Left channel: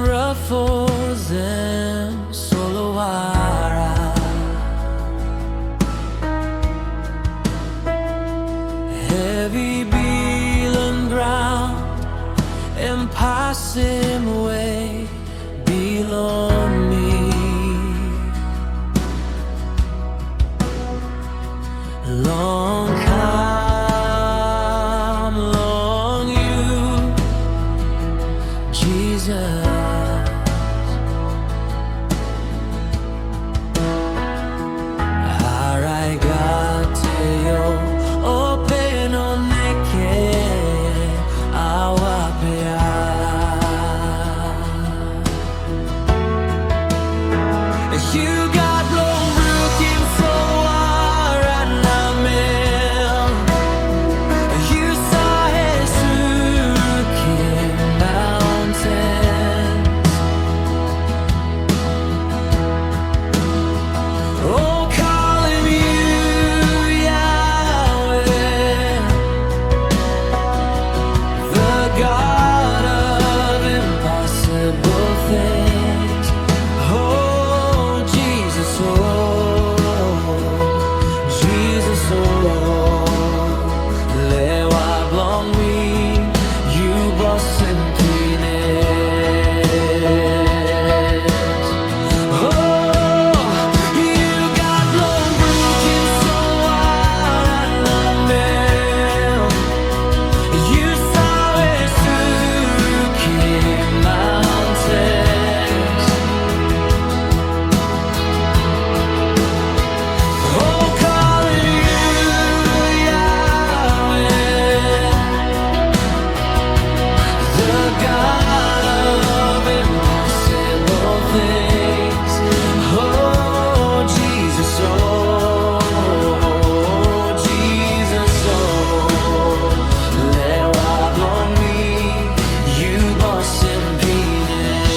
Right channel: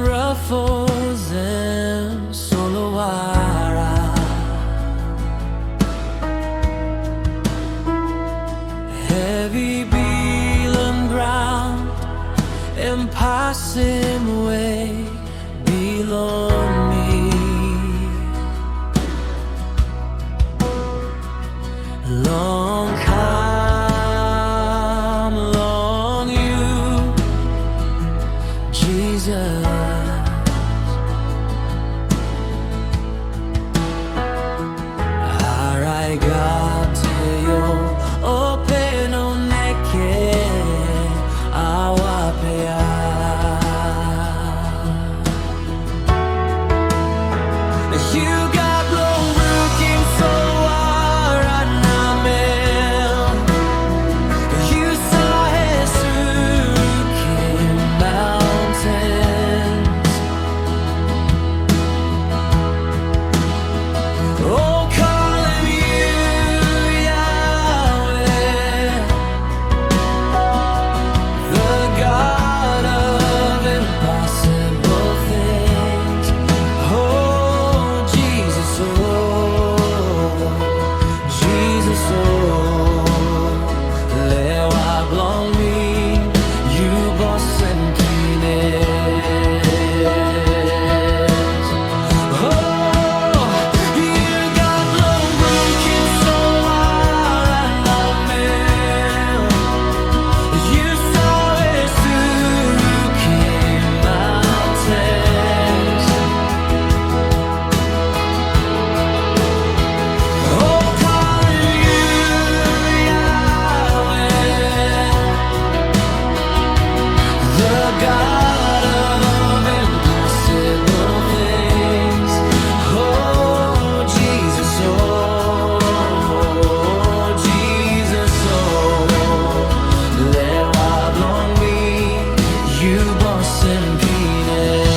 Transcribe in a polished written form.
ruffles and Solwara. Heavy Bilong ground and passing away Bilong me. Long come, long you, Jesus. Araigateo openo neke awapea. You got Burukim, Solwara, Namel. You saw Burukim mountains. Oh, calling you Yahweh, the God of impossible things. Oh, Jesus, oh, lewa blong me, you boss and penis. Oh, you got blong Burukim, Solwara, Namel. You saw Burukim mountains. Oh, calling you Yahweh, the God of impossible things. Oh, Jesus, lewa blong me, you boss and penis.